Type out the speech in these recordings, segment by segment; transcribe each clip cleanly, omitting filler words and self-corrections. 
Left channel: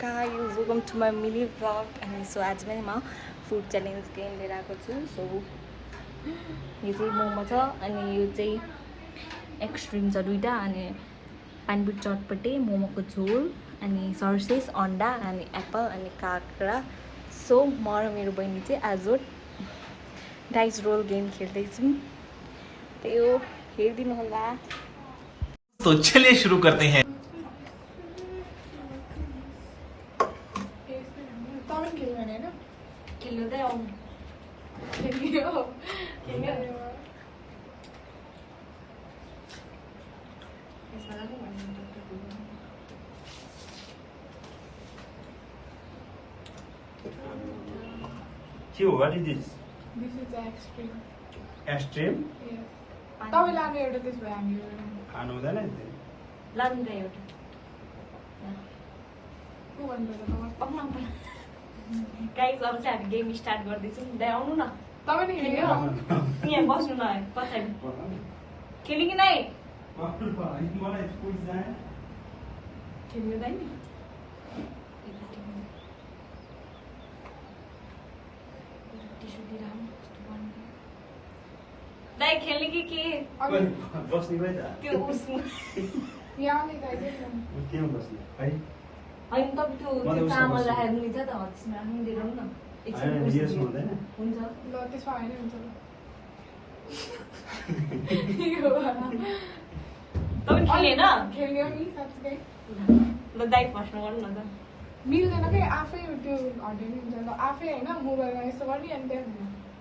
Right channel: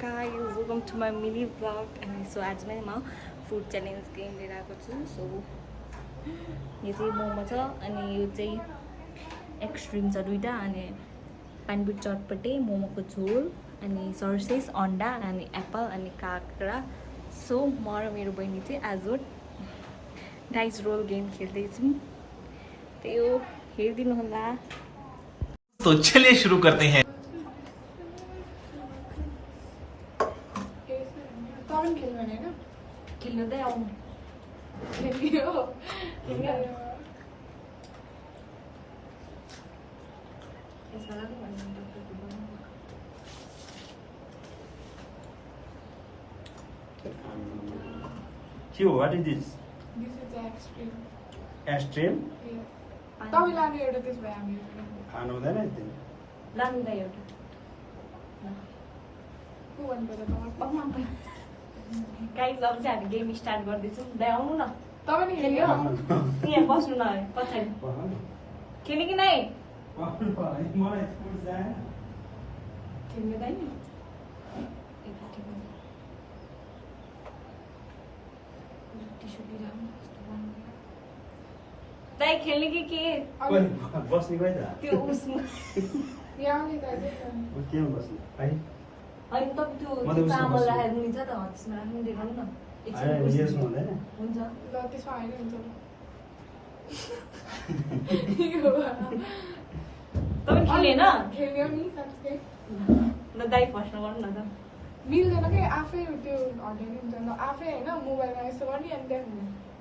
guys, welcome to my mini vlog. अनि so आज पनि म फुड च्यालेन्ज गेम लिएर आएको छु. सो यो चाहिँ मोमो छ अनि यो चाहिँ एक्सट्रिम छ दुईटा अनि पानीपुरी चटपटे मोमोको झोल अनि सर्सेस अन्डा अनि एप्पल अनि काँक्रा. सो म र मेरो बहिनी चाहिँ आज डाइस रोल गेम खेल्दैछौँ. त्यही हो, हेरिदिनु होला. तो चलिए शुरू करते हैं. खेल्नु दे आउनु. What is this? This is extreme. Extreme? Yes. तपाईले आगे एउटा त्यसो भए हामी खानु हुँदैन नि. लानु त एउटा. ल. को भन्नु तपाईँ? गाइस अब चाहिँ हामी गेम स्टार्ट गर्दैछौँ. दे आउनु न. तपाईँ नि खेल्यो? यहाँ बस्नु न पछाडि. खेल्ने कि नै? खेल्नु दैन नि. दाइ खेल्ने कि के? त्यो उसमा यहाँ नि दाइ के होइन तपाईँ त्यो चामल राखेर मुनि छ त हो त्यसमा राख्नु दिनु न. हुन्छ. ल त्यसमा हैन हुन्छ तपाईँ खेलेन? खेल्यो नि साच्चै. ल दाइ फर्स्टमा गर्नु न त. मिल्दैन के आफै त्यो हटाइ नि हुन्छ. आफै हैन मोबाइलमा यस्तो गर्ने अनि त्यहाँ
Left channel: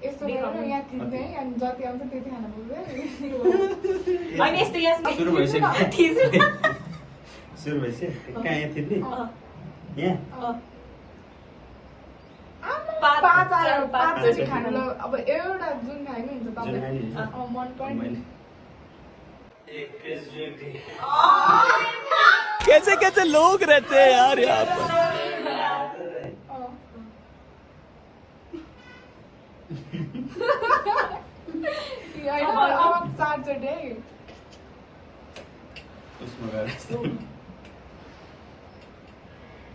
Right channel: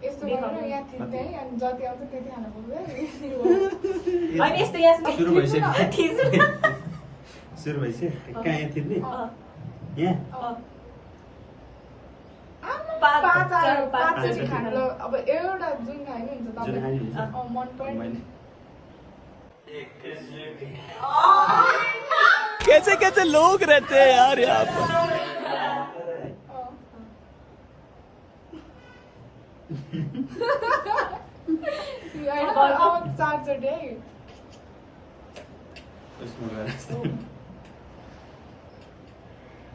यस्तो गरेर यहाँ थिच्दै अनि जति आउँछ त्यति खान पर्छ. होइन यस्तो यहाँ सुरु भइसक्यो. थिच्नु. सुरु भइसक्यो. कहाँ यहाँ थिच्ने? यहाँ? पाँच आयो. पाँच पाँचचोटि खानु. ल अब एउटा जुन खायो नि हुन्छ तपाईँ मन पर्ने. कैसे कैसे लोग रहते हैं यार यहाँ पर. अब चारचोटि है.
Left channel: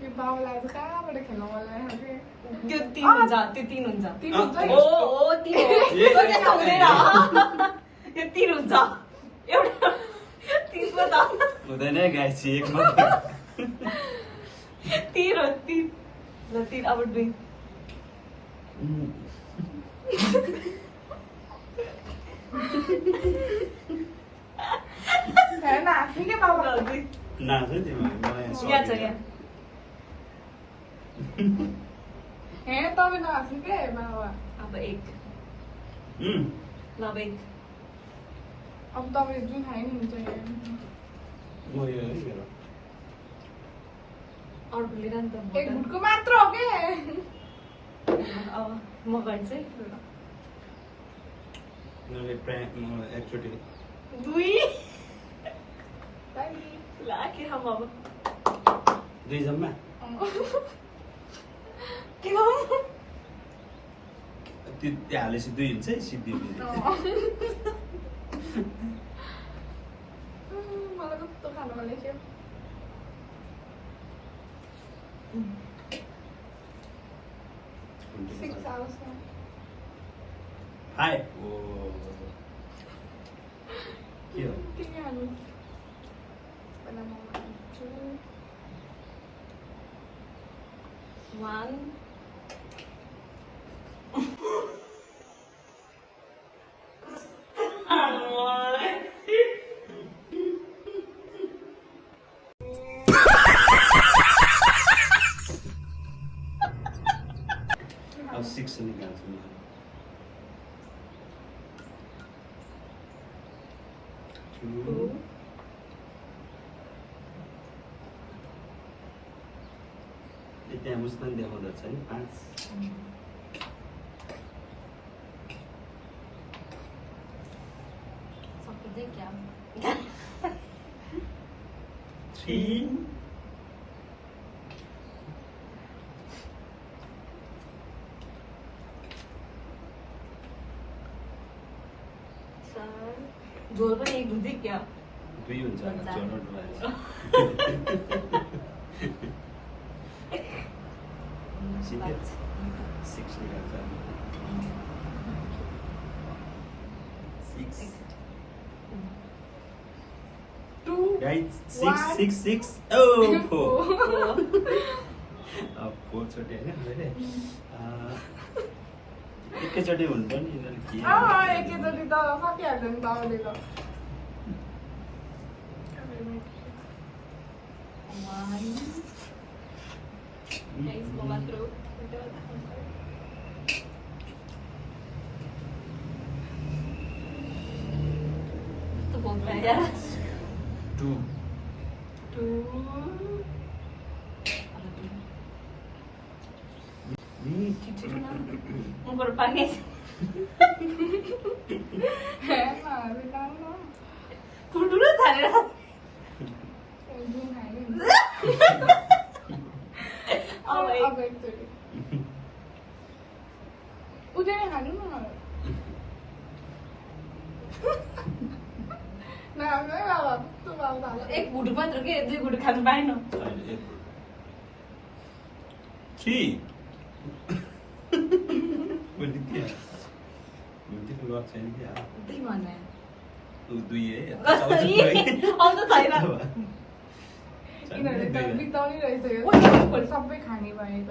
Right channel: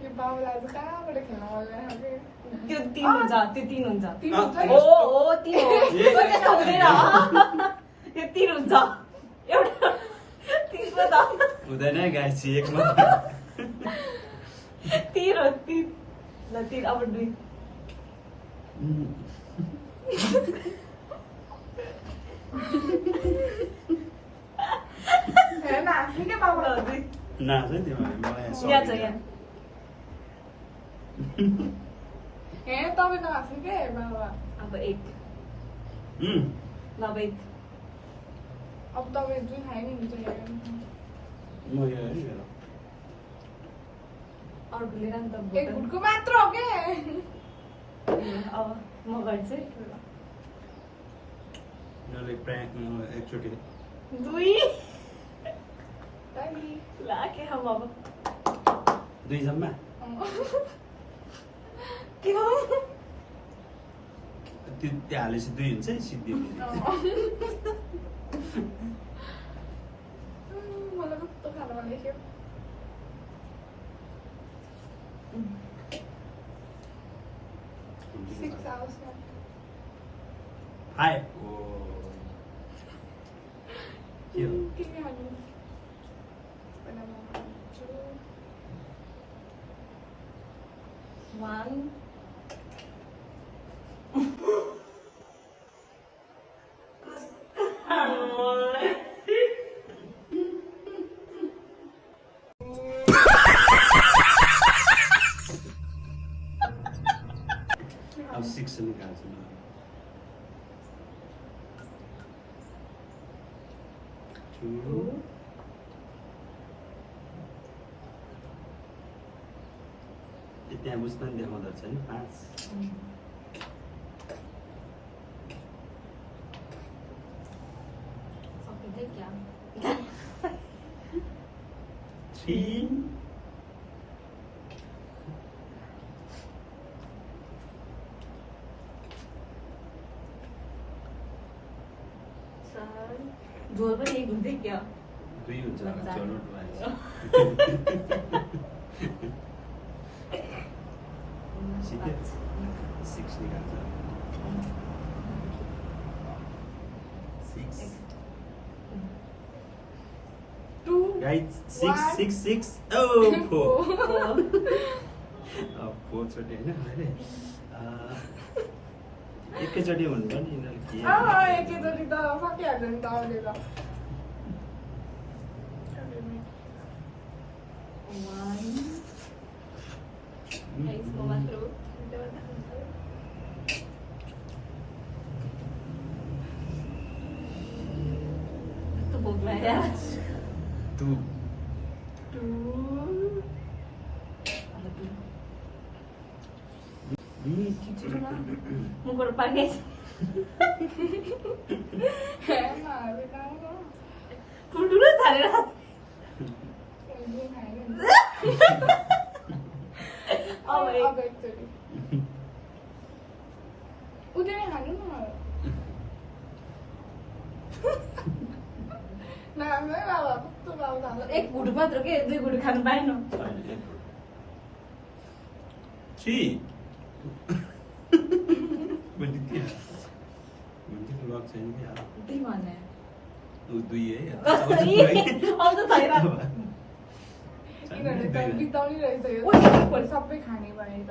यो बाबुलाई चाहिँ कहाँबाट खेल्नु मलाई त्यो तीन हुन्छ. त्यो तीन हुन्छ. हुन्छ. ओ तीन हो. त्यस्तो हुँदैन. यो तीन हुन्छ. एउटा तीन त हुँदैन गाइस एकमा. तीन हो. तीन. ल तीन अब दुई. हेर्न हाँस्ने के बाबा. नाच है तिमीले. मलाई यहाँ छ यहाँ. हेर तपाईँ नहाँस्नु के बाबा. अब एक. ल अब एक. अब तपाईँ जुन खायो नि हुन्छ हेर. म यो है मेरो. अर्को लिएर नि त. एक भुटको मात्र हो के. अब म गर्छु है. म एकचोटि. दुई. ला के खाऊँ अब. दुई जम्मा. के खाऊँ? त्यो हालेपछि दुई हुन्छ है सिद्धि. मलाई कस्तो खानु मन लाग्यो. Six hours now. हाय. ओ के हो? के खानु? पहिला म खान्छु. One. अब 6 निकाल्छु म. त्यहाँ मुस्कान देखाउँदो रहेछ नि. 5. सकिँदै क्या? 3. झोल पनि एक हुन्छ क्या? दुई हुन्छ. सिक्यो 6 निकाल्छ 6 2 guys 6 oh 4 अब 4 चोटि हैन मैले एकैचोटि हुनु पनि यिनीहरूले के एकैचोटि त सकिहाल्छ नि तपाईँले त Guys, mamatro. Ito po ba yan? 2 Mungkol panis. बिना Kudulo tadi lah. अब एकचोटि उदय हाल्नु न नराम्रै बाबा कस्तो बाबा एक गुड मात्र के दुई गुड खानु पाएन 3 पनि के हुन्थ्यो लक छैन कि त्यही भने ऊ 2 है अब त छैन यिनीहरूले त बिताउने रहेछ यो सबै खाने भए त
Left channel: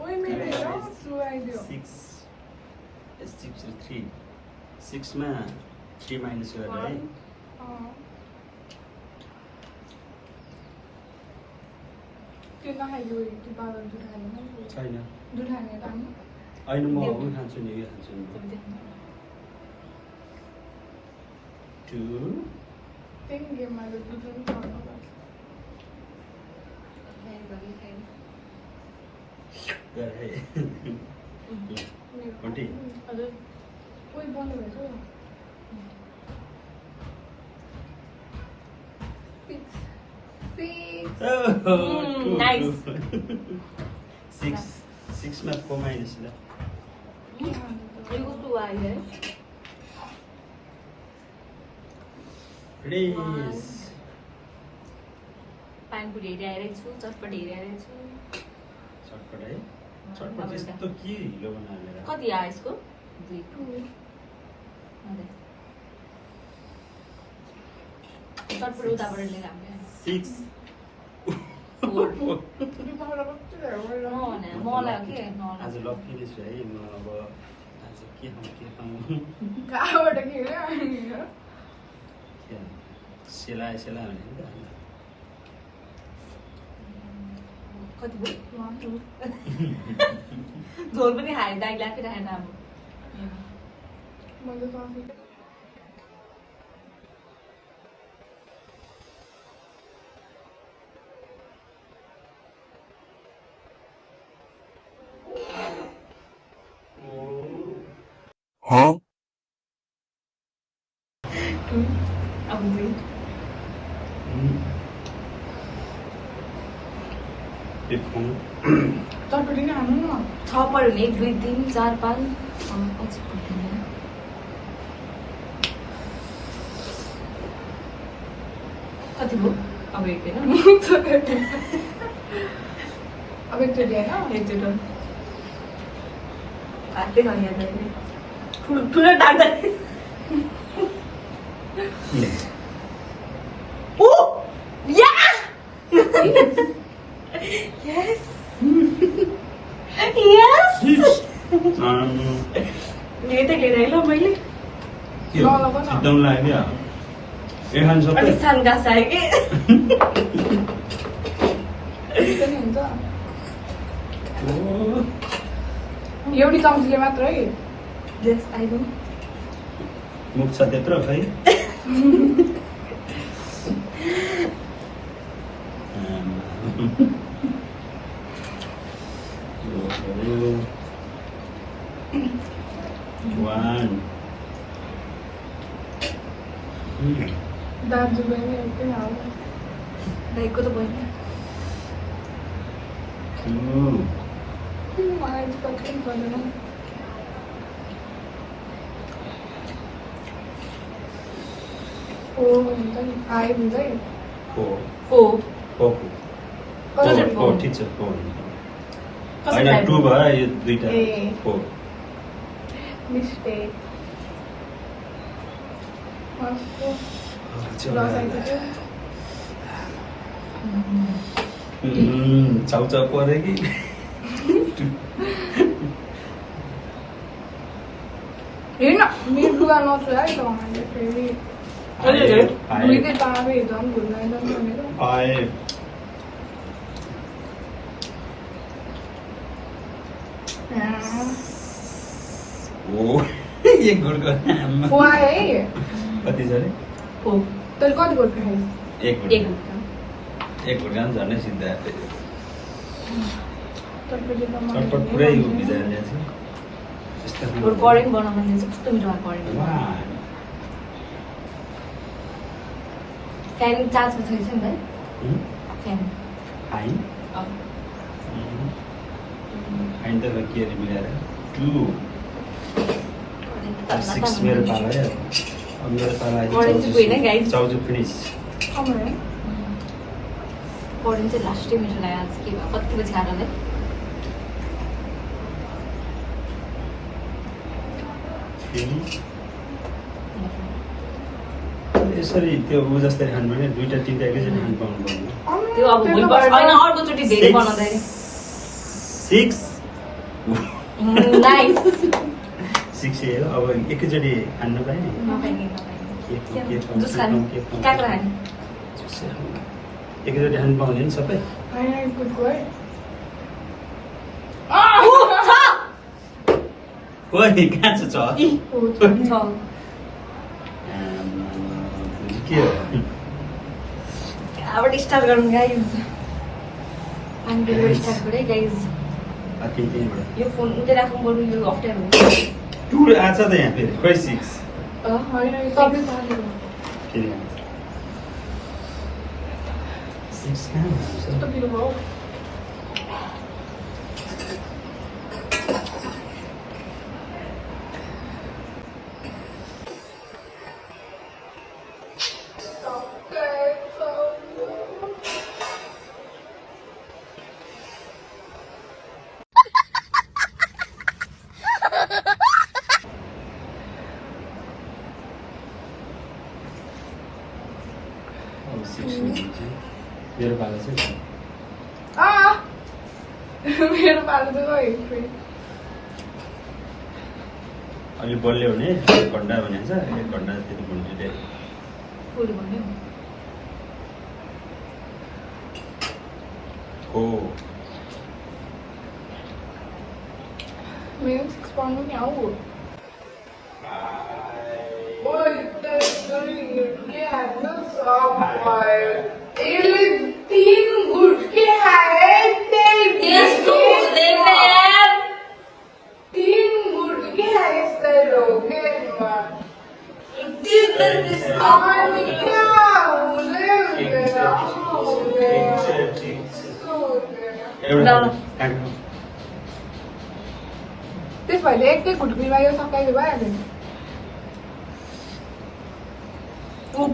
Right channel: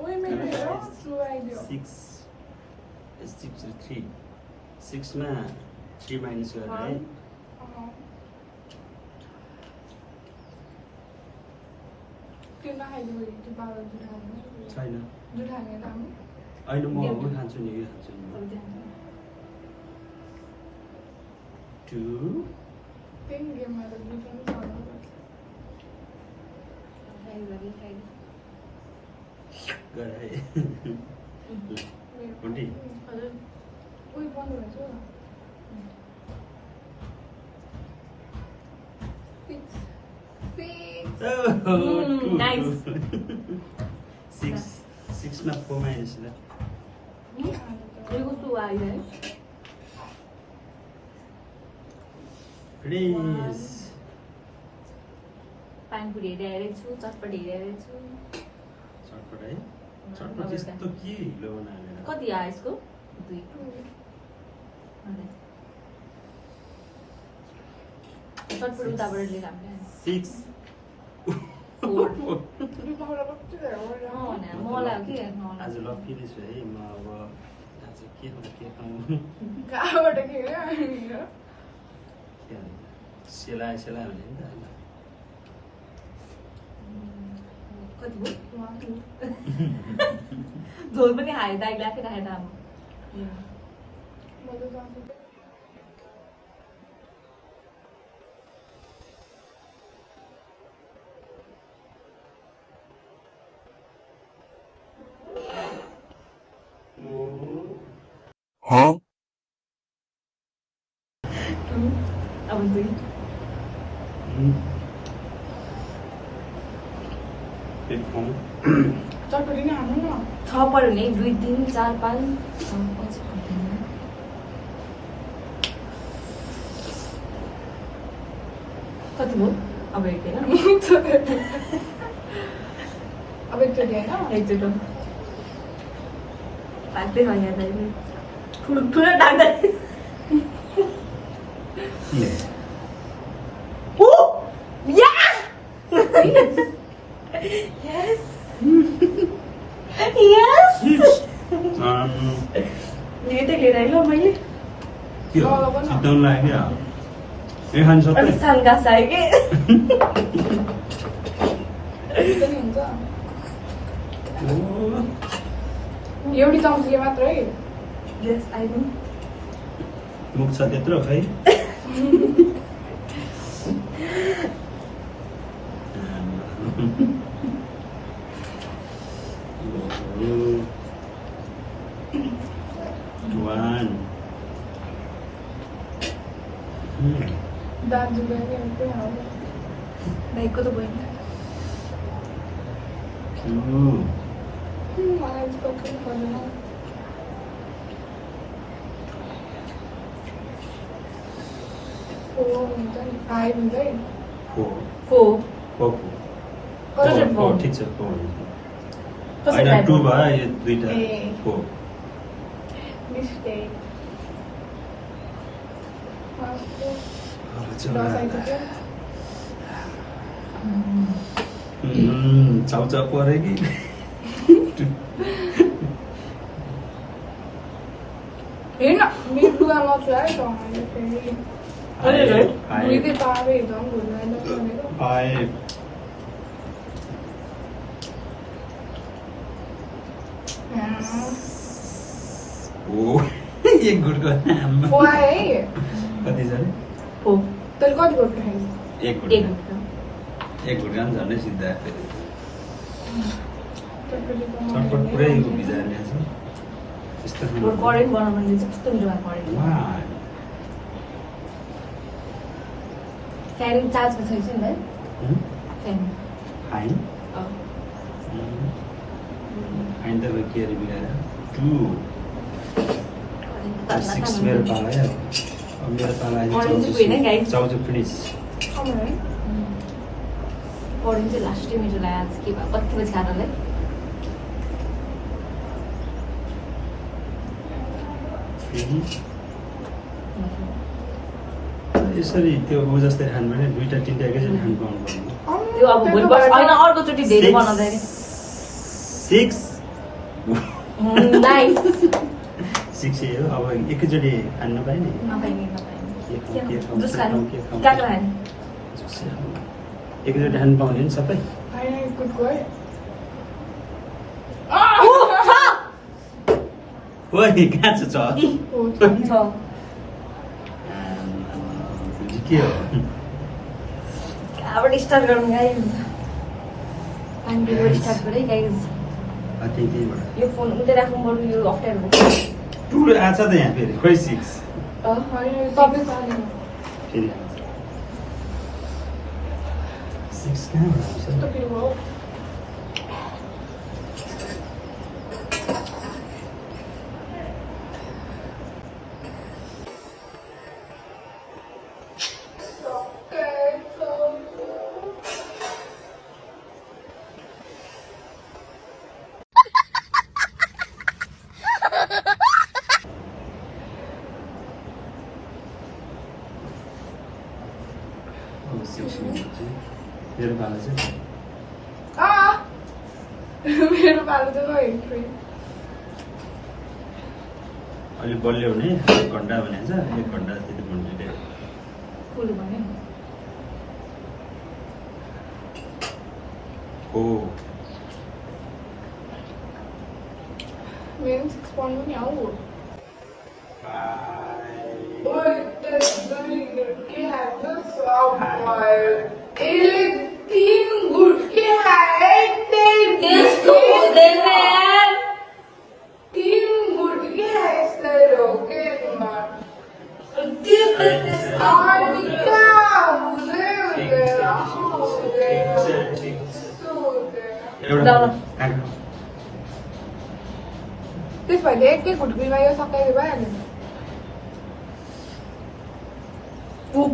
ओइ मेरो सुहाइदियो 6 3 6 मा 3 माइनस गरेर है त्यो नखाइदियो त्यो पावर दुध खाने छैन दुध खाने राम्रो अहिले म उयो खान्छु नि यो खान्छु नि 2 तिन गेममा त दुध पनि खानु गर है 20 ओइ बन्द भएछ Nice. 6 मा 4 माइनस ल यो कस्तो आयो है प्लिज पानीपुरी हेरिरहेको छु चटपट हेरिरहेको छु चटपट है चटपट यस्तो के हिलो बनाएर कति आयो यसको 2 चटपट उताबाट लिएर आउने 6 मलाई के आज लक्की नै छु है म अब आज के खाउँ कहाँबाट के सेलाए भने नि त कति भयो झोल पनि खायो दाइले आफै राखेर राम्रो Huh? अब 2 एक खाउँ चटपटी नै खानु न 6 पऱ्यो भने 2 3 4 5 अझै कति भयो अब एक होइन अब एकचोटि होइन एकचोटि ताक्दै खाइहाल्छ अहिले ठुलो ताक्दै ओ या यस यस यतै लिएर आएँ ल मैले के हो सिद्धाउन लाग्यो ए खानु सबै अलिक सानो गाँस आयो कि एउटी चम्चीले मात्र है यस आइदिउँ मुख छ त्यत्रो खै दाजुभाइ एउटै आउँछ भाइको त भयो मलाई यस्तो केही पर्दैन हुन्छ नि 5 हुन्छ है 4 4 फोर कसरी फोर? ठिक छ फोर कसरी होइन type 2 गर्नु? भयो यो दुईटा ए। 4 मिस्टेक अब चाहिँ चाउचाउ पऱ्यो कि हेर्न मिर्गुवा नछु है मैले फेरि भुइँदै पावे झन् भुइँदैन भनेको 5 ओ एक गुडको नाममा फोर है कति छ अरे फोर तैँले कति गोल्ड खाइस् एक गुड एक गुडका पनि झन्डै सिद्धा फेरि चटपट पुरै भिजाएर ल्याएको छ यस्तो बरु करेन्ट बनाउनु दिन्छ कस्तो मिठो करेन्ट वाह फ्यान चार्जमा छैछ नि है फ्यान फाइन अँ फाइन त के अरे मिलाएर 2 6 मेरो पाला है अब मेरो पाला Orange चाहिँ होइन, guys. चाउचु फिनिस करेन्ट चाहिँ लास्टै मिठो लाग्यो के भयो कति पछि आएर यसरी त्यो ऊ जस्तै खानु भने दुईटा तिनटा एकैचोटि खानु पाउनु पर्ने त्यो अब भोलिपल्ट होइन अर्कोचोटि धेरै बनाउँदाखेरि 6 नाइस 6 हो अब एकैचोटि खानु नपाएँ नि नपाइने के खाउँ के खाउँ काँक्रा खाने एकैचोटि खानु पाउने नि सबै गुडको है ओइ कहाँ छ छ भुजी के हो कहाँबाट स्टार्ट गरौँ गाइज पानीबाट स्टार्ट गरे गाइज त्यहीबाट यो फोन उतै राख्नु बरु यो अप्ठ्यारो 2 आछ त यहाँ फेरि खोइ 6 होइन सबै साथीहरू फेरि आउँछ 6 कहाँबाट आउँछ कस्तो के हो अब 6 चाहिँ मेरो पाला चाहिँ मेरो पालो चाहिँ फेरि अलि बलियो हुने 1 घन्टा भनिन्छ 1 घन्टा त्यति भन्छु फुल भन्यो हो मेरो 6 पढ्नु नि आऊ गुटके हाल्नु सब यसले 3 गुटके खाए त्यसको हुँदैन 3 गुटके खाएछ रोकेमा अनि क्या एउटा काँक्रा त्यस भएर एक गुटकीमा यो सबैले भइहाल्यो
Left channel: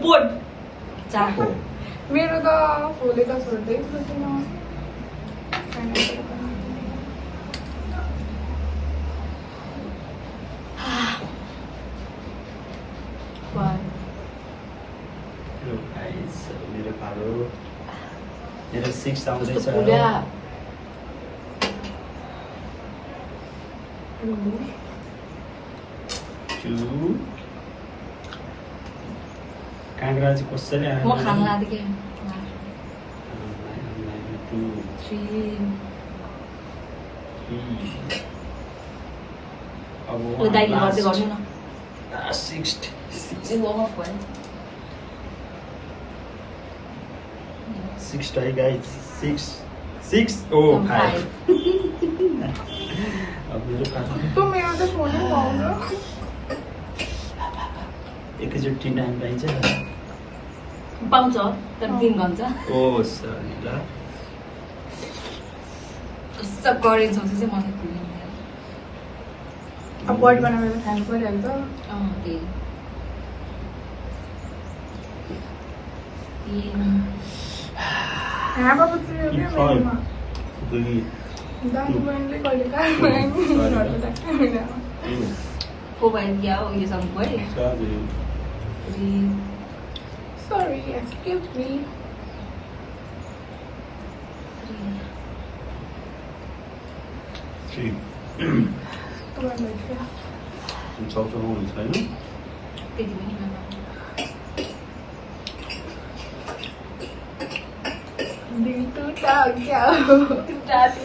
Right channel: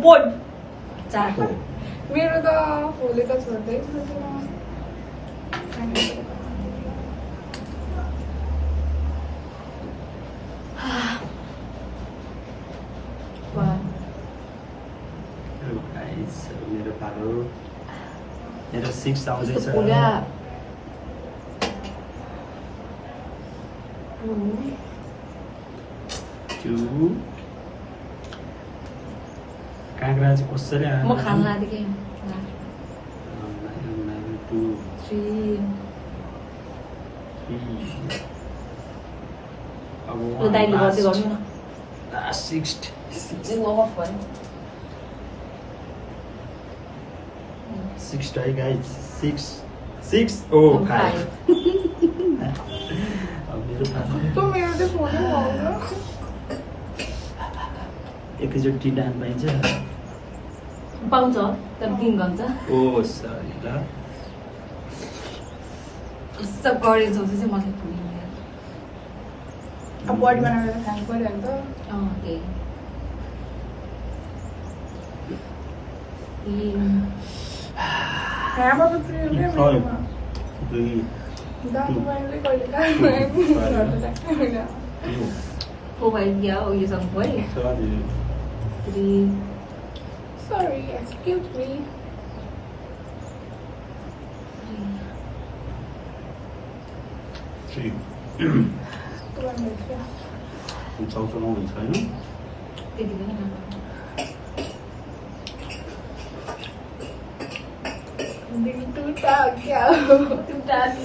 पोट चार हो मेरो त फोले त छोड्दै सुन्दिनँ गाइस मेरो पालो मेरो 6 आउँदैछ पुरा 2 काँक्रा चाहिँ कसरी म खान लाग्दै के 2 3 अब यो दाइले गर्दै गर्नु न 6 यो अफ भयो 6 try guys 6 oh 5 अब मेरो पालो त मेरो त फोनै पाउँदैन एकैचोटि तिनवटा हान पाइन्छ पाउँछ तर 3 घन्टा ओ सरी ल सब गरेको छ चाहिँ मलाई पुग्दैन अब बडी बनाएर खानु परिहाल्छ त्यही Half of the Five. Three, That's Two. when they call it that. two, Không phải giờ giờ xong với sorry, thì Sorry, excuse me. three. Come on, Lucia. 좀 쩌쩌하고 छैन त्यति पनि Đừng tư tao kìa. टुटा the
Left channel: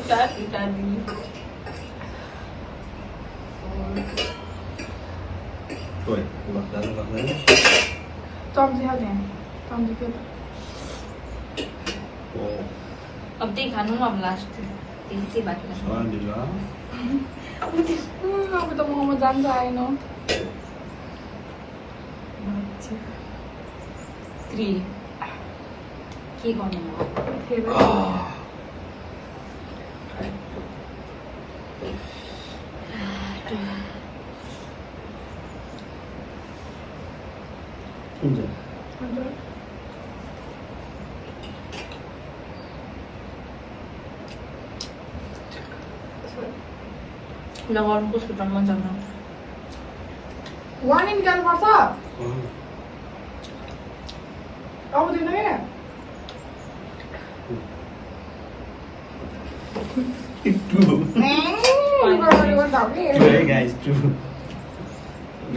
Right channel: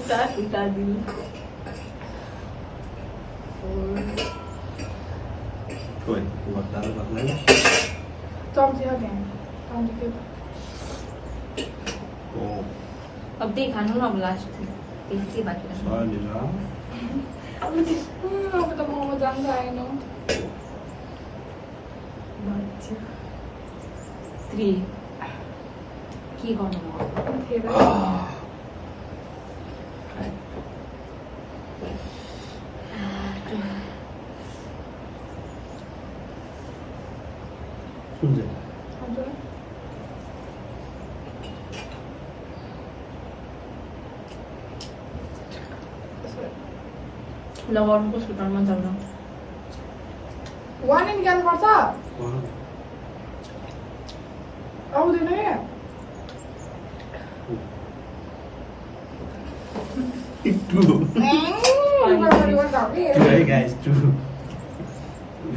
खोइ गर्दा Trong theo nhỉ? Trong thì kia. ओ अब त्यही खानु न अब लास्ट त्यही के बाँकी लाग्छ sorry ल Aku tak mau makan no. 3 के गर्नु म कुन चाहिँ लगाउनु कसको टनमा जाउन One in can what's up? आउँदैन है two है है guys two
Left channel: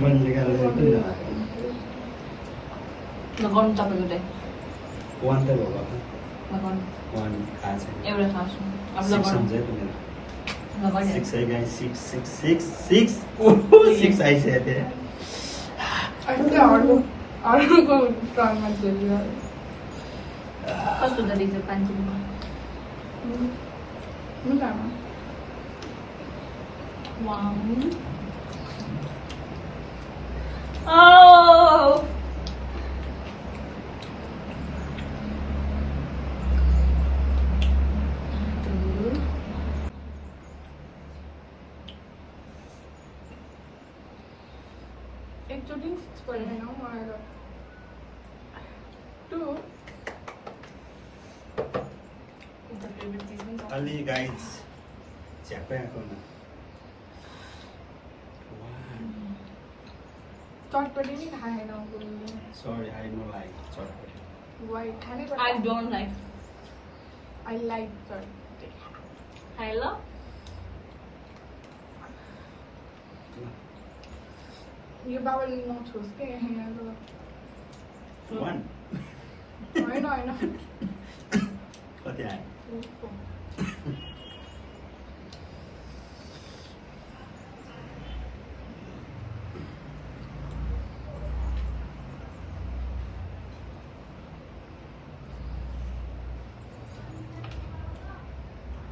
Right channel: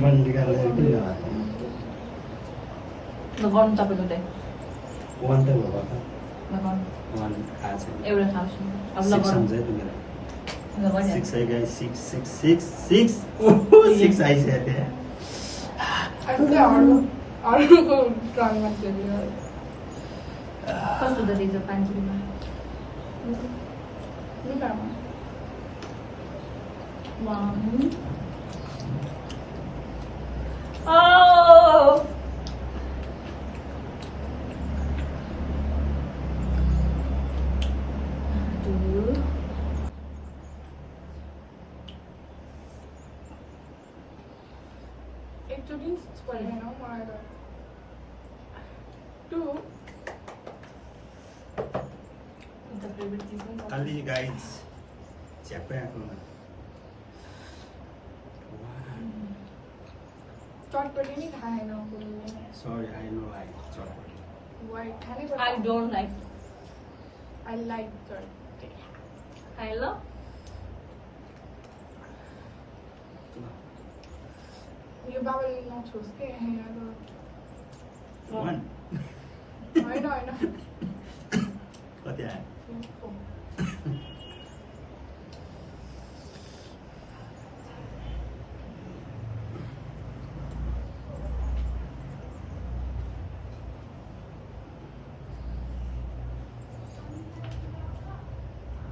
मैले गाह्रो लगाउनु तपाईँको चाहिँ one त भयो लगाउनु one खाएको छैन एउटा खान्छु अब six लगाउनु सम्झ है तिमीलाई लगाउनु six है guys six six आइसक्यो त्यहाँ अहिले अरूको टर्न मान्छेले कस्तो हुँदो रहेछ पानीमा One. Oh! Two. एकचोटि परेन हौ मलाई त टु The favorite season. अलि गाइज झ्याप्पै आएकोमा चटपटी नि खाएन बोल्नु सरी आई नो लाइक चटपटी वाइ खानै I don't like. I like चटपटी I love. यो बाबाले नछोस् के यहाँ वान होइन होइन कति आयो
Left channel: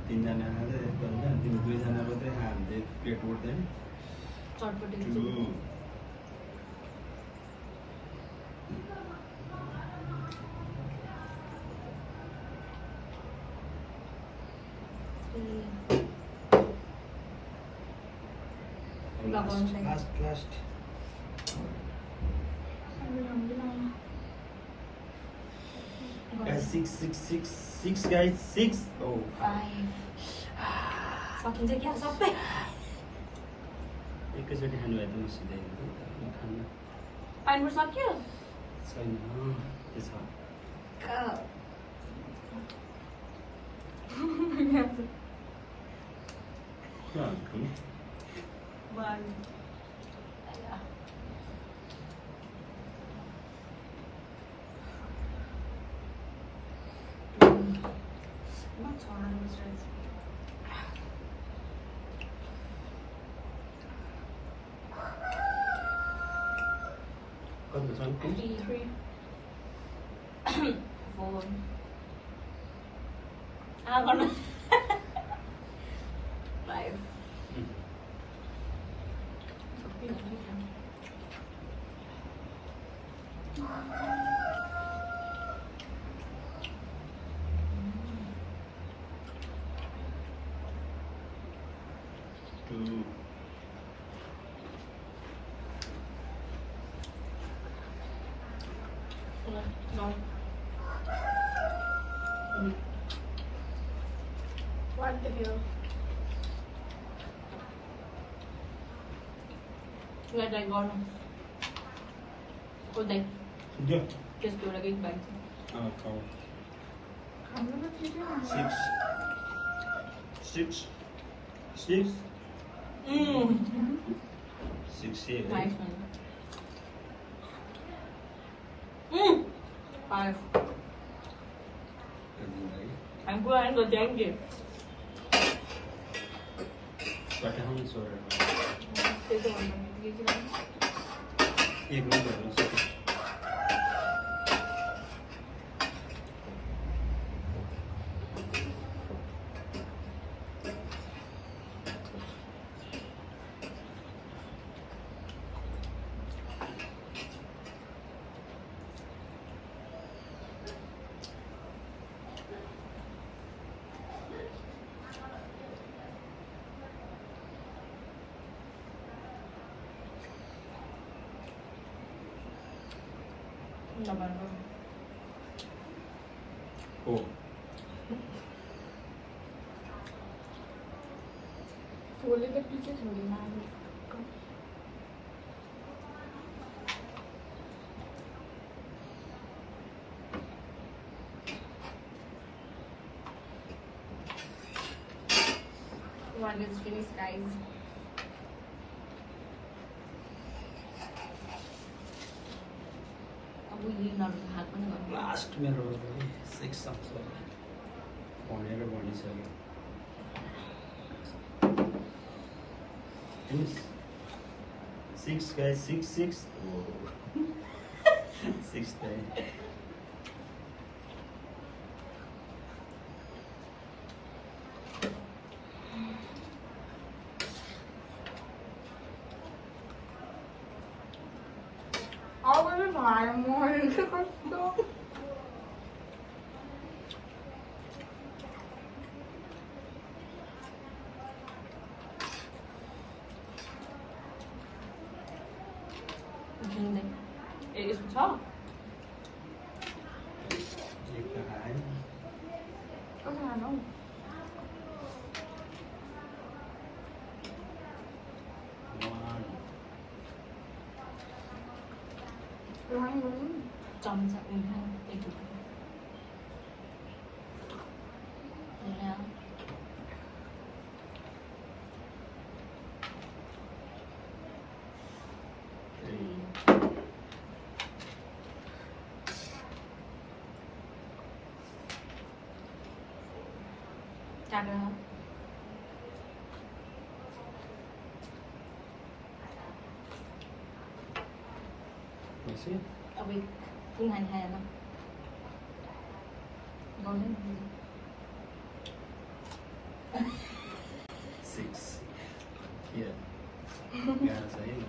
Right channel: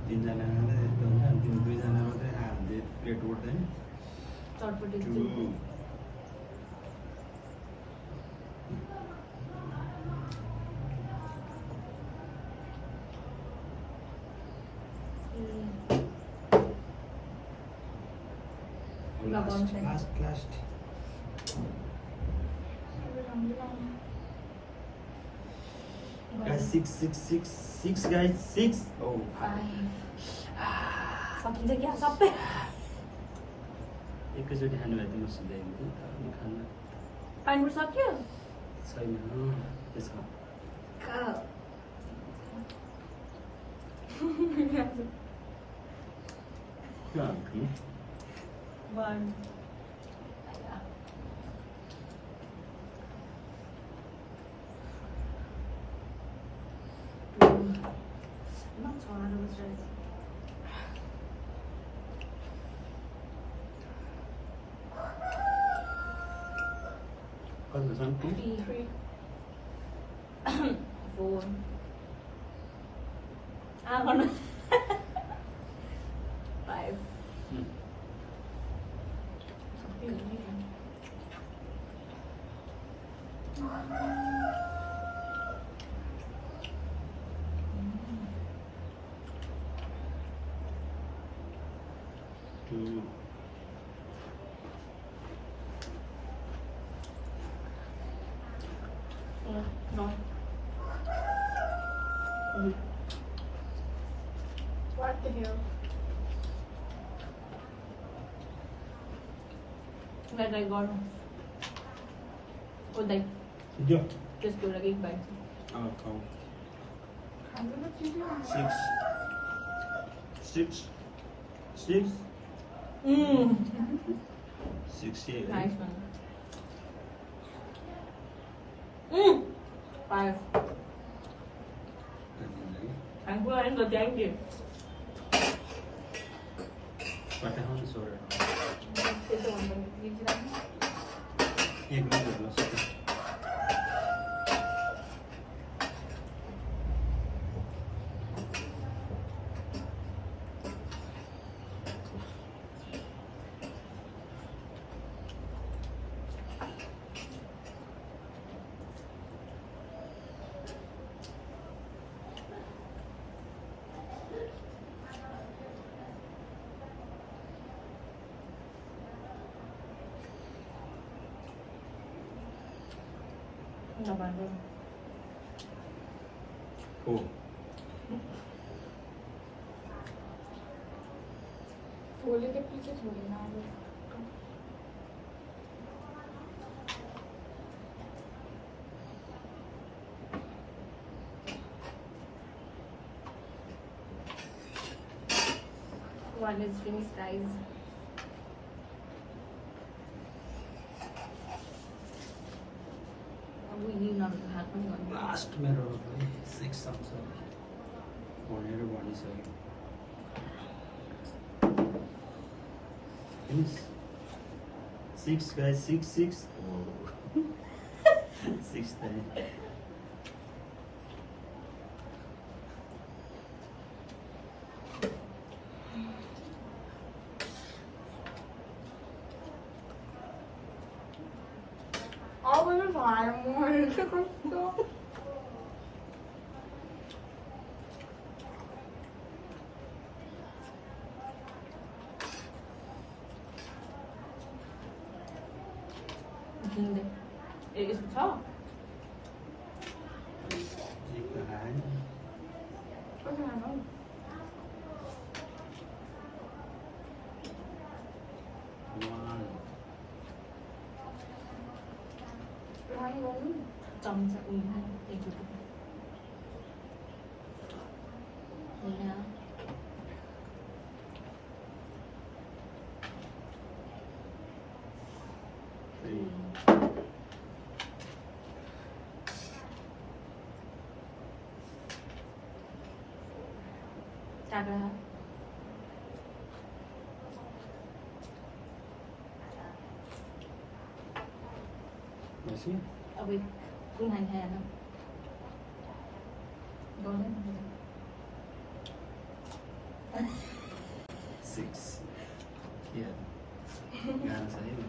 तिनजना मात्रै यस्तो हुन्छ अनि तिमी दुईजना मात्रै खायो भने चाहिँ प्लेट उठ्दैन चटपटी टु लगाउनु छैन। Last guys six guys six oh सकिन्छ क्या सबै एकैचोटि खानु भए त म सिधै हुन्थ्यो खानु पानीपुर सक्यो छैन के छ One. Not so hard on the straight. कति छ टु 3 4 गर्नु 5 टु No. कति हो Let I go. Oh, like जो just do a big bite. खाऊ हाम्रो त ठिकै हो 6 Mmm. 6 है Nice one. Mmm. 5. I'm going to thank you. पठाउनु छोडेर त्यही त भन्नु एक मिनट होला सक्यो नभन्नु हो भोलि त पिछे छोडेन हामी One is finished, guys. अब यही नभएको हात पनि गर्नु लास्ट मेरो भयो 6 आउँछ भनेर भनिसक्यो Finish. 6 guys 6 Whoa. 6 there. अब चाहिँ खाएर मरेर कस्तो झिन्दै ए यसो छ एक आए कता खानु one रन गर्नु चम्चा उल्टा एक टुक्रो उल्टा three काटेर Masih? अब कुन खाने खाएन गर्दैन 6 के गाह्रो छ है 1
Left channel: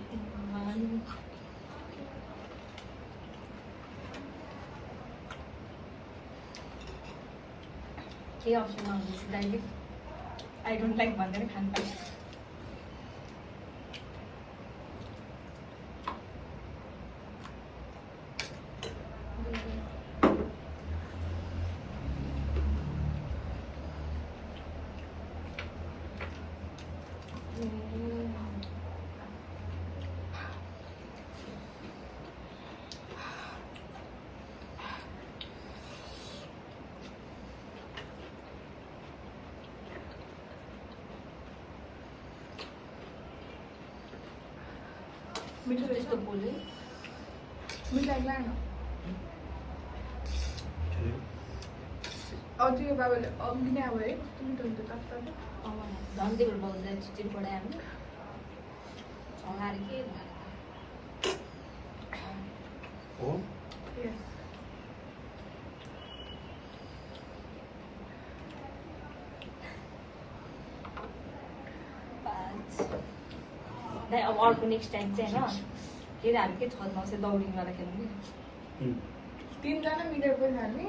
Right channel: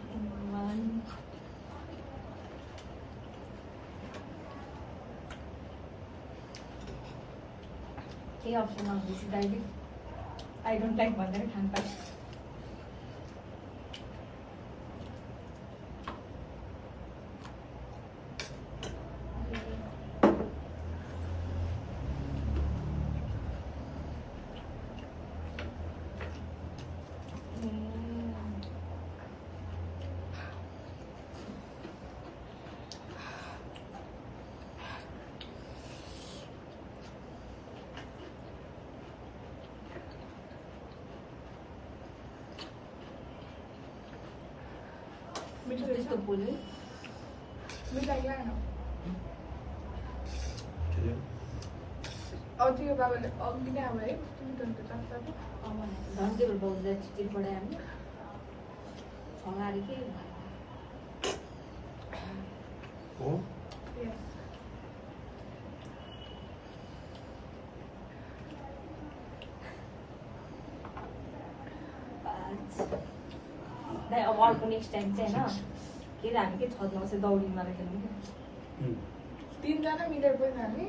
के अप्सन आउँदैछ डाइरेक्ट आई डोन्ट लाइक भन्दैन खानु पाइ मिठो त्यस्तो बोल्यो मिठाई लाग्न के अब त्यो बाबाले अघि नै अब है कस्तो मिठो हुन्छ चाप्चा झन् त्यही भएर बाउजूलाई चिठी पढायो हामी अगाडि के हो दाइ अब अर्को नेक्स्ट टाइम चाहिँ होइन के अरे हामी के छ नौसे दौडिङवाला खेलौँ कि तिनजना मिलेर पनि हामी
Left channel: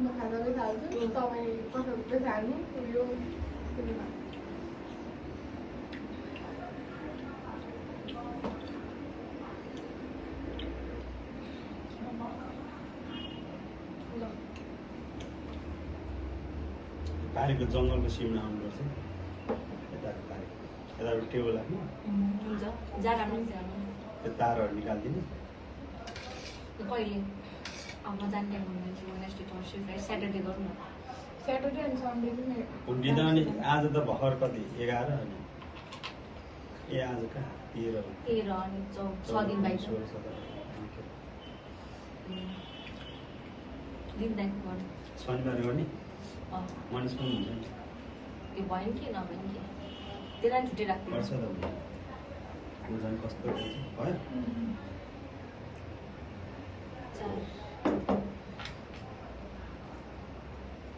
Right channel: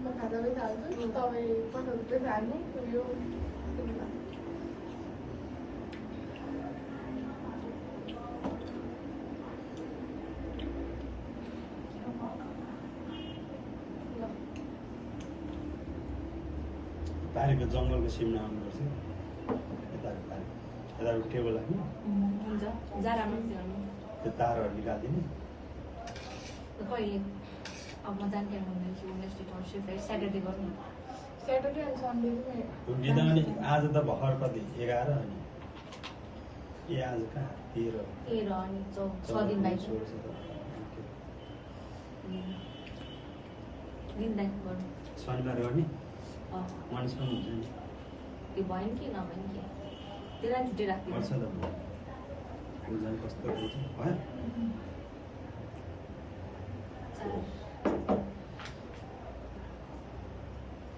म खाजाले खाल्छु तपाईँ कसैहरू पनि हाल्नु यो तारेको जङ्गलको सिमना आउनुपर्छ यताको तारेको यताबाट टेबल राख्नु हुन्छ जाडा मान्छे हेर्नु त्यो तारहरू निकालिदिने कहिले अब म जान्थे भन्दैछु वेडनेसडे थर्सडे फ्राइडे स्याटरडे गरौँ न स्याटरडे एन्ड सन्डे पनि हुन्डी त अनि आज त भर्खर कति 11 अनि ए आज कहाँ 13 13 अनि 6 दिन बाइक 16 17 दिन बाइक गर्नु शनिबार गर्ने हजुर मनिष पनि हुन्छ नि त्यो भयो नि के नभयो नि के त्यसलाई छुट्टै राख्दिनु पर्छ त बुझ्नु कस्तो रहेछ भयो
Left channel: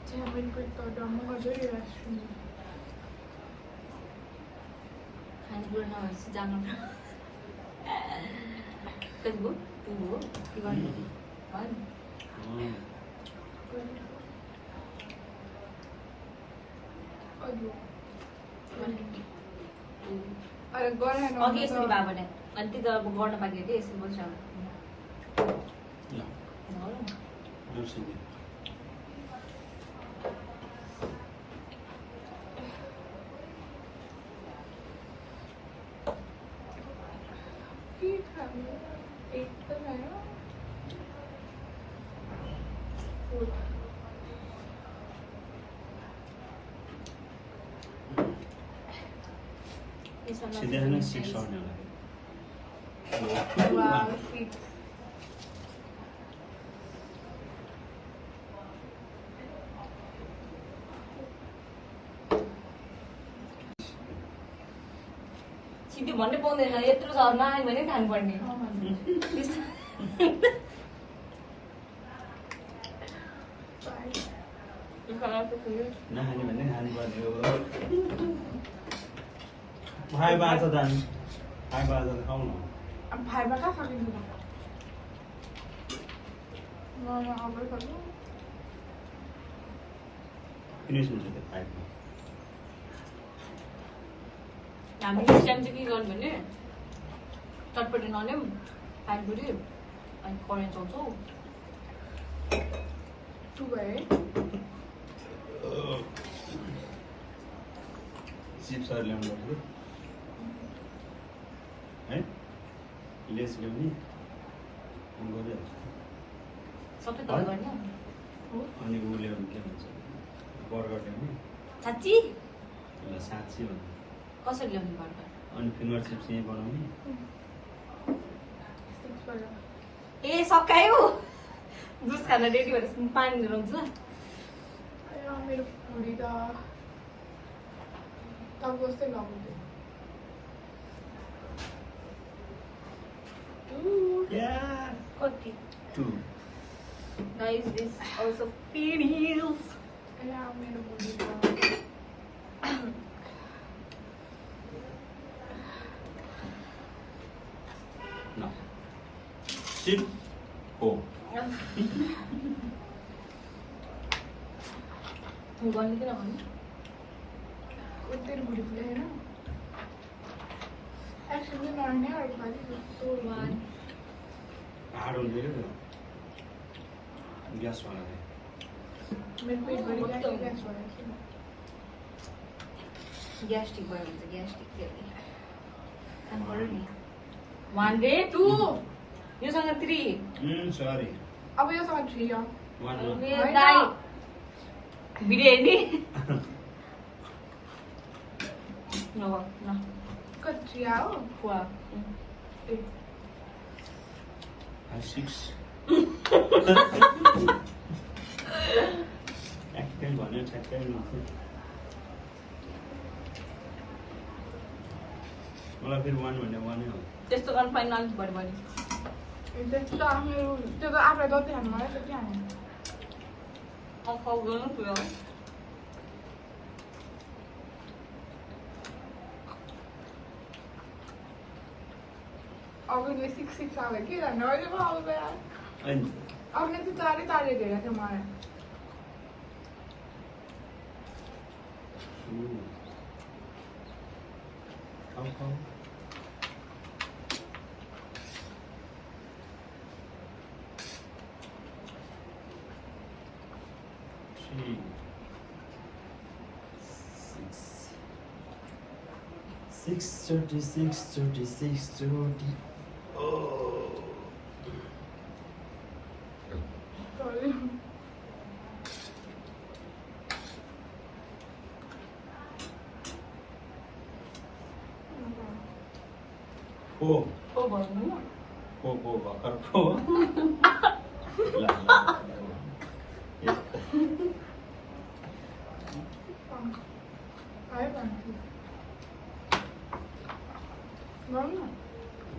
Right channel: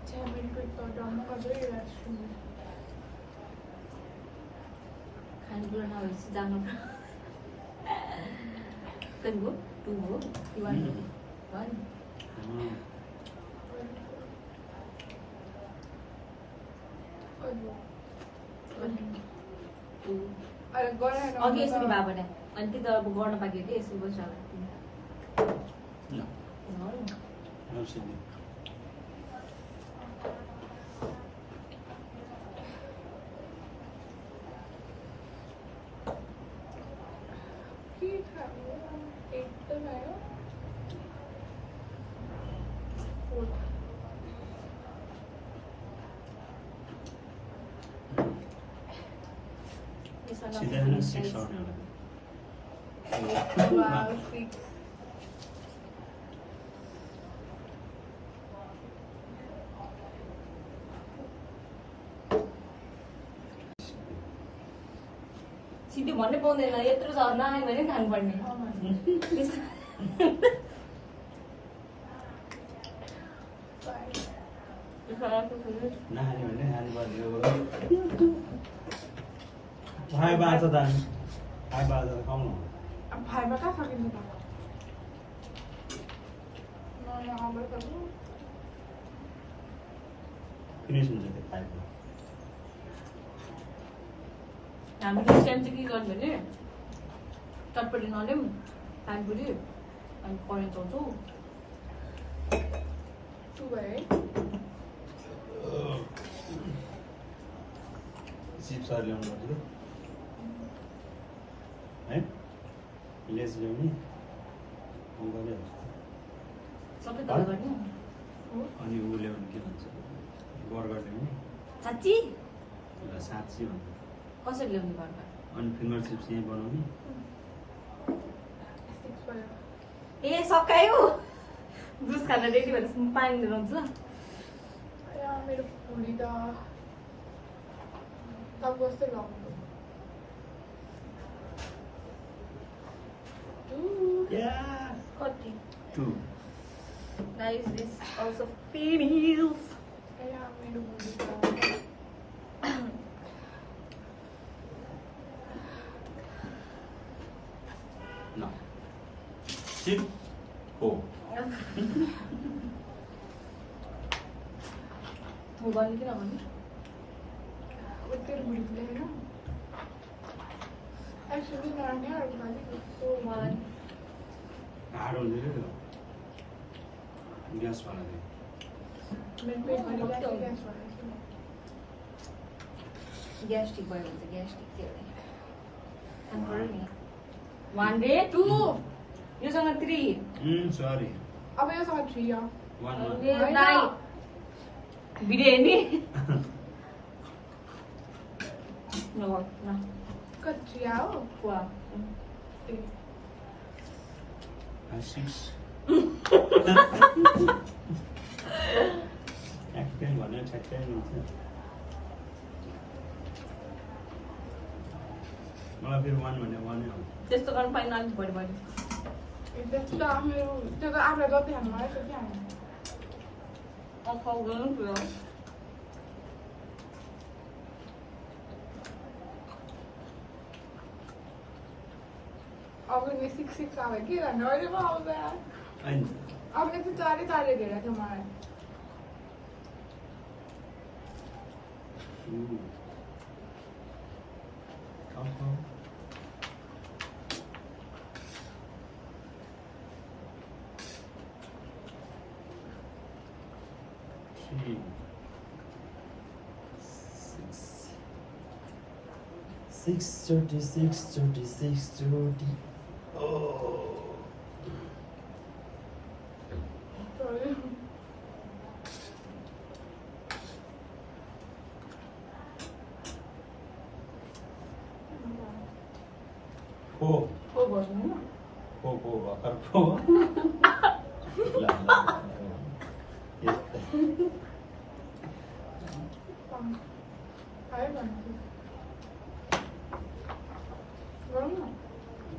त्यहाँ पनि कोही त डम्म गजरी राख्छु खानेकुरा नभएपछि जानु कति भयो 2 हो कि 1 भयो नि अघि यसरी भयो भने अनि त्यो त अब गर्न पाइयो कि यसरी बस्छ ल नर्सिङ के खानु एक त भयो सिधै होइन 6 आउने Wow, sweet. सिधै भन्नै पाउँदैन यत्रो छ नआयो भने खानुपर्ने नखाने भने खानुपर्ने हो भाइ बाँच त अनि भाइ बाँच त खाउँ न अब भाइमा कहाँ सकिन्छ त नयाँ आमै गर्नु फिनिस हुन्छ त्यो पाइपमा हामी नेक्स्ट टाइम चाहिँ के गर्नु भने चटपटी नल्याउँ पानीपुरी अनि करेन्ट चलाउँछौँ टु भयो चिप्सहरू ल्याउनु पर्छ कि है लेस ल्याउने गरिहाल्छ सबै तल गर्ने अनि ऊ ल्याउनु के भन्छ बर्गर ल्याउने साँच्ची ल साँच्ची भन्छ कसरी ल्याउने बर्गर अनि फिङ्गर चिप्स यहीँ बनाउने 6 भयो ए सकायो जुस खान रेडी भएपछि पानी ल्याउँछ या मेरो भुँडी त तब जस्तै लगाउँदै Yeah. कति 2 नाइस दिस अल्सो फिनिल्स या मेरो भुँडी त No. 6 4 गर्नु कि नगर्नु तेरो भुँडी फुलेन एक्चुअली नराउने अर्को पालि सो वान हार्ड हुने क्या ग्यासवाला चाहिँ मेरो पेटभरि ग्यास भयो ग्यास्ट्रिक भयो भने त ग्यास्ट्रिक के भने खानु पऱ्यो नि 1 रे 2 योसँग 3 सरी अब योसँग 3 हो 1 दाइ भिडियो हेर्ने न कति आयो फुवा 6 ठ्याक्कै भन्यो ठ्याक्कै मिल्छ मलाई फेरि 1 भन्ने 1 नै हो त्यस्तो गर्नु पाइन्न अलिक बढी बढी त्यो त आफूलाई जति खानु मलाई त्यति खाने खाउ गर्नु पुऱ्याउ अघिले 6 आयो के गर्ने अहिले पो आउँछ होइन अघिले चाहिँ चारै धेरै थियो मलाई खाऊ खाऊ 6:30. Oh. पो भन्नु पो भर्खर पो ल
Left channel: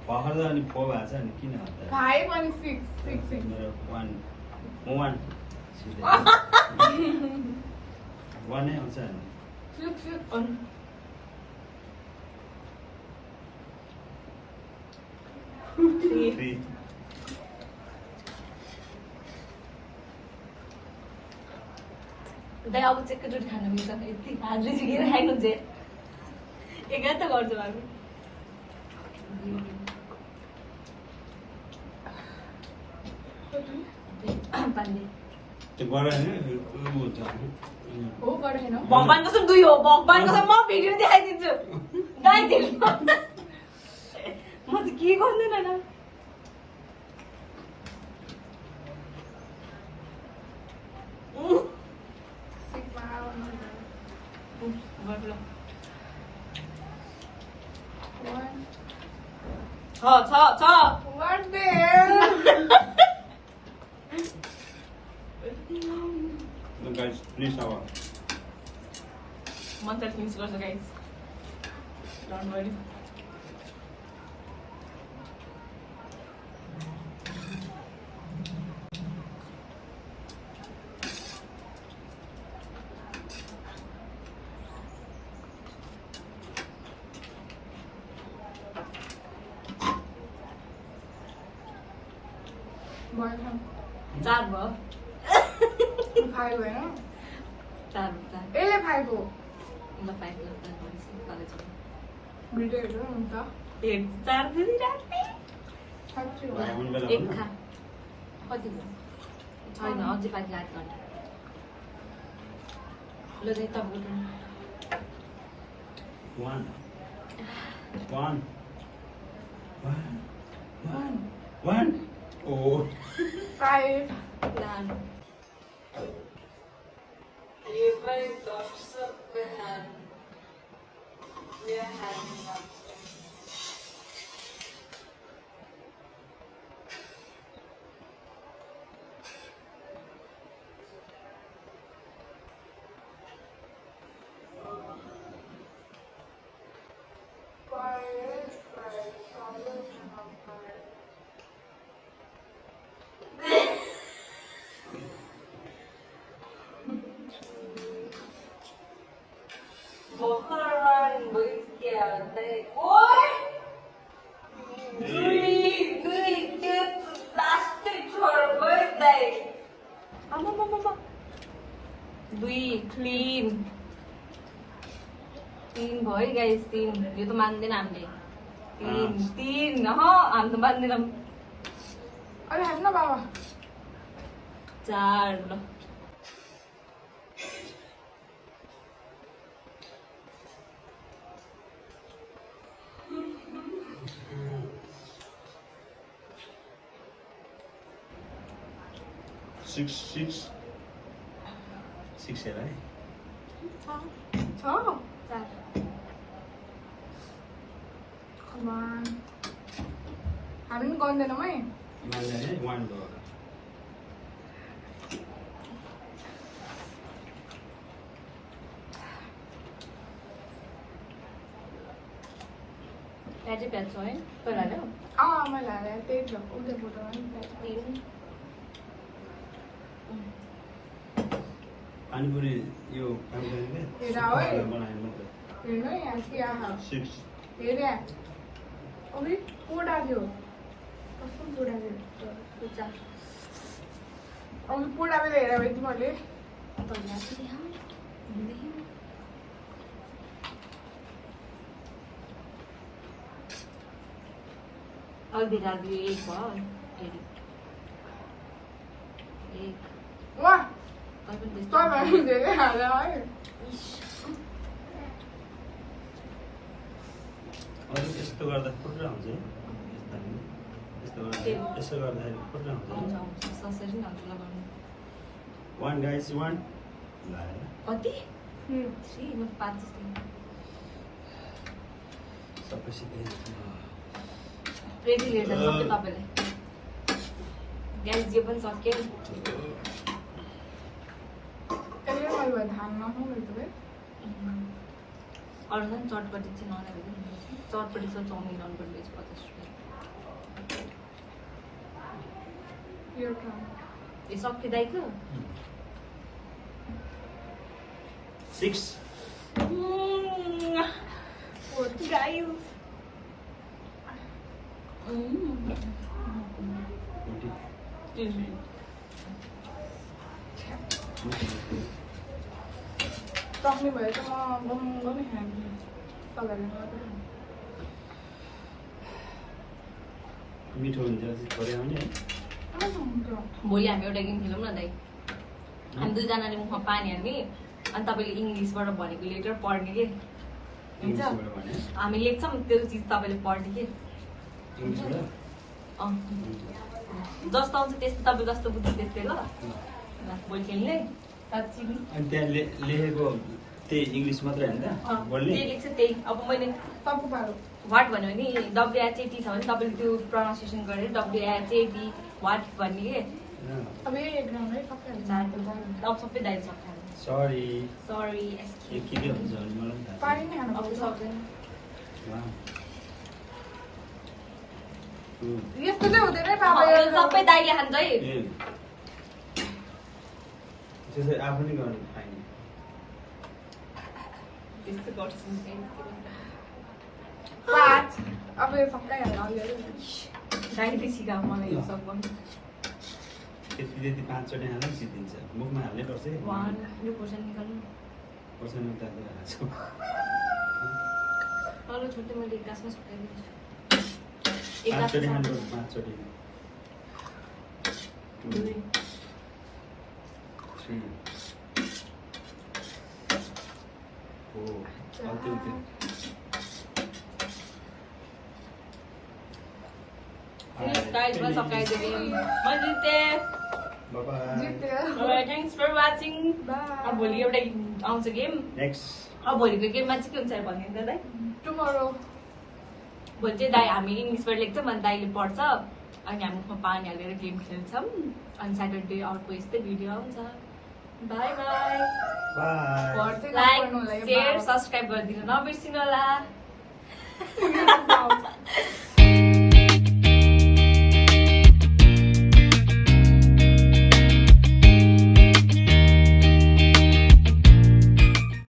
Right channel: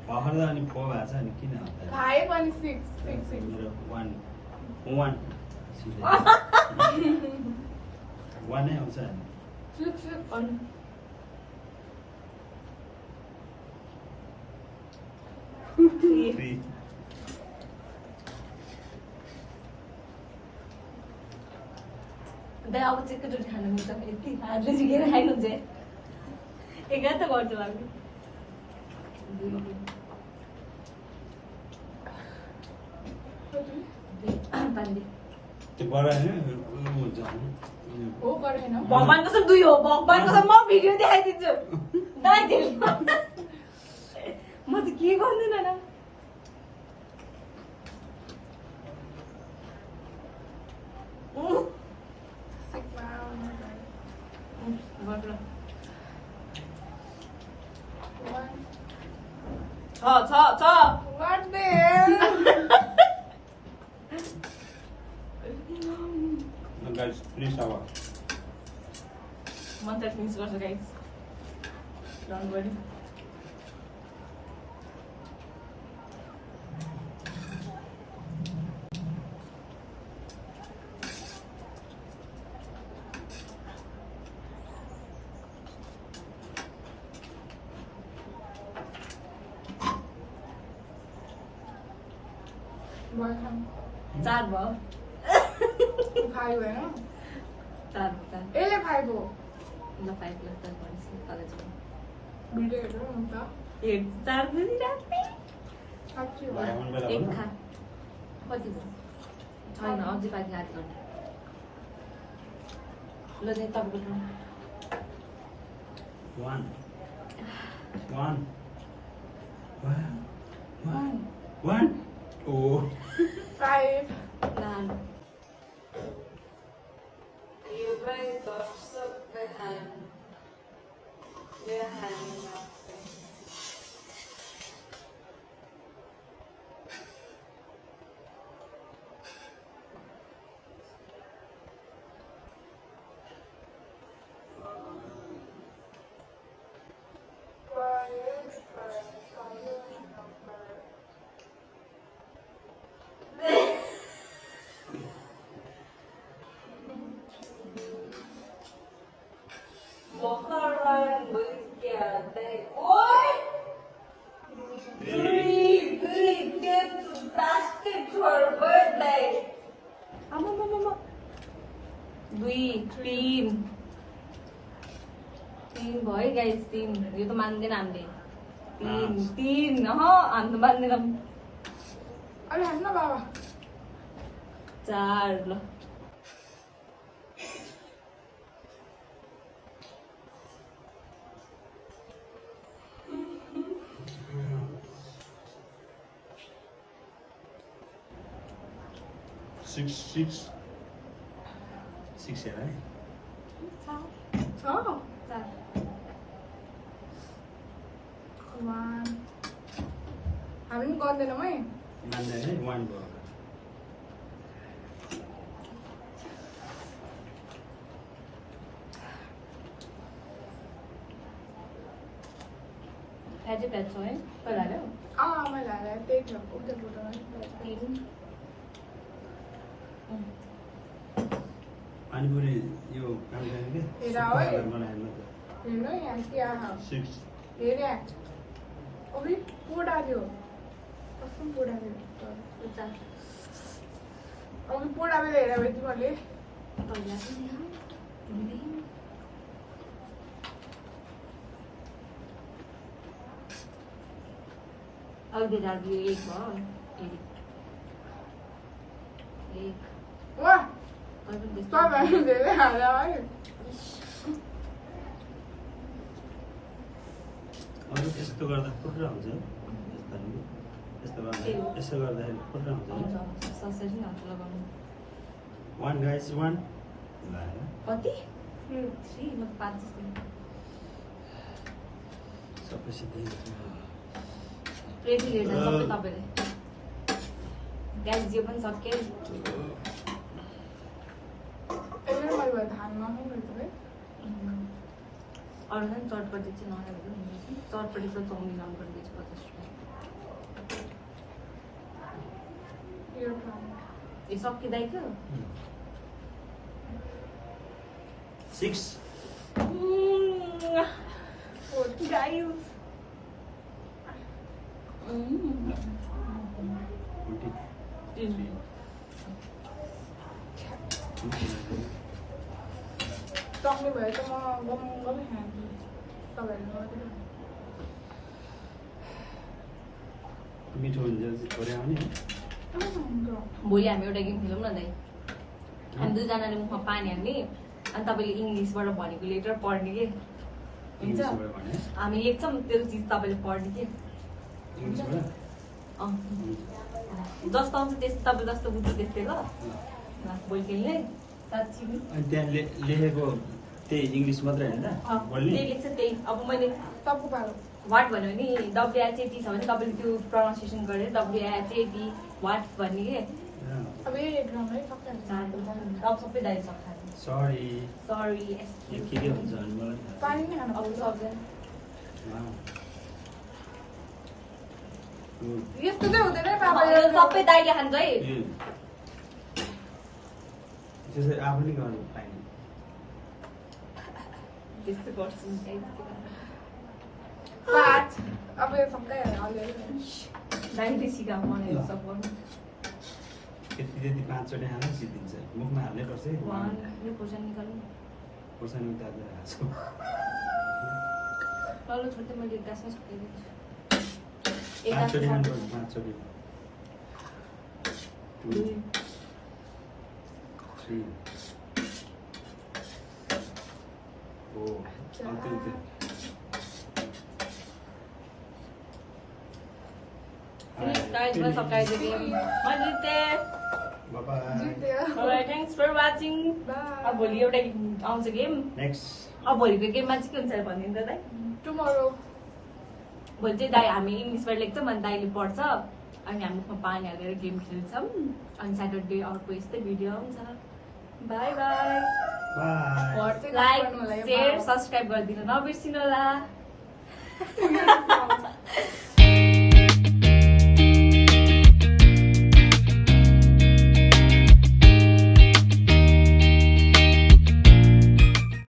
भर्खर त अनि फो भएको छ अनि किन हत्ता 5 and 6 मेरो 1 सिधै 1 नै आउँछ अनि 6 3 दाइ अब चाहिँ एकैचोटि खानु मिल्छ यति हातले झिकेर खानु चाहिँ एकै त गर्छु हामी त्यो बडा हो पढेन भगवान कसम 2 हो भगवान कसम म भिडियो देखाइदिन्छु दाइ दिल म चाहिँ के गर्दैन न छ What the hell? guys, please have a Month finish गर्छु guys. Don't worry. चार भयो खायो होइन चार यसले खाएको ल 5 लाख त गर्छु कलेज भिडियो हेर्नु हुन्छ एक चार दिन राख्ने साँच्ची हो आउनु बेला एक खा कति भयो छैन अझै बाँकी आधी घन्टा ल दे तपाईँको one. Oh. Five. लाल ये भाई तो सब पे है ये है ना तीन भयो गाइस तीन यो त मान्दैन हामीले तीन हामी त मान्दैनौँ अरे हेर्न बाबा 4 ल Six है भाइ 4 हामी पनि गर्दैनौँ है मान्दैन है 1 भयो एजे प्याज छ है पहिला हाल्यो मैले हालेँ त्यही थियो उल्टे फोटोमा पानीपुरी यो काम गर्ने के हेर है। बनायो मतलब हेर्नु है यहाँ के आहा 6 हेर यहाँ अबि पोडा थियो कस्तो पोडा थियो अब पोडा बेला हेर भने तिमीहरूले पहिला अघि राख्यो एक भयो फेरि एक वाह अहिले पनि तपाईँ धेरै हाल्यो है अरू यस्तो गर्दा फुटेर हुन्छ है यस्तो गर्दा यसो गर्दाखेरि फुटेर हुन्छ ससरी नै हुन्छ लगाउनु 1 guys 1 ल कति 3 म 5 जस्तो सबै सिधै रेडी लिएर जान्छ सबै तपाईले ग्यास जे पनि सक्यो यसले मैले धान नखाउँ है अरू पनि चटपटी चाहिँ नआएको चटपटी चाहिँ चाउमिन अर्को बेच 50 रुपियाँ यो ट्राई ए सकिँदैथ्यो 6 गाइस 40 सक्ने भए चाहिँ म गम खान्थेँ तपाईँहरूले मात्रै खानु मिठो हुन्छ थोरै आउने है भोलि हामी एउटा गेम खेलौँ न दाइ हामी दुईजनाले मुखमा पानी हाल्ने अनि तपाईँले इङ्ग्लिसबाट भनेको लेटर पढ्ने के हुन्छ इङ्ग्लिसबाट भने हामी लेख्छौँ त्यो चिज तपाईँले पढ्ने के इङ्ग्लिसबाट जस्तो आउँछ त्यस्तो तपाईँ जस्तो बुझ्छ त्यस्तै ल भोलि खेल्ने साँच्ची नि अनि त्यहाँ लेखेको त्यही इङ्ग्लिस मात्रै होइन त बोल्ने जे लेख्छ त्यही अब मैले तपु पारो वाट भन्यो भने WHAT छ भने तपाईँले त्यो प्रनाउन्सिएसन गरेर WHAT वाट भन्ने के अब यही एक्जाम है सबै अब सबै दाइ सक्छ सरी सरी के हुन्छ भने मलाई पनि थाहा पानी नै खानु अब सक्दैन छैन यस्तो चाहिँ हुँदैन बाबा यो सबै दाइले खान्छ है त्यसै आफू नै गर्नु पाइने त्यस्तो गर्छु पाँच अब यो सबै हाल्नु दाइले सिकाऊ मलाई यो सब गर्नु त्यति 5 चोटि हाल्दा सिद्धिन्छ मुखमा हाल्नै पर्छ है यो खोर्सानी निकाल्नु खोर्सानी उतारेर हाल्छु तल छोड्दै मैले एक गाँसमै सुकाइदिन्छु 5 चोटि हाल्नु 5 चोटि 2 3 4 अल्ति उति Guys, once I the game. Bye-bye. Thanks for watching. अब भोलि एउटा आउँछ गेम नेक्स्ट अब भोलिको गेममा चाहिँ के हुन्छ भनिदिनु त दाइ टुमरो भोलि चाहिँ दाइ हामी इङ्ग्लिसबाट लेख्छौँ अनि दाइले पढ्छ अनि हामी मुखमा पानी हालेर गेम खेल्छौँ अनि स्याटरडे अर्को यस्तै भिडियो आउँछ by by like share subscribe गरिदिनु नबिर्सिनु होला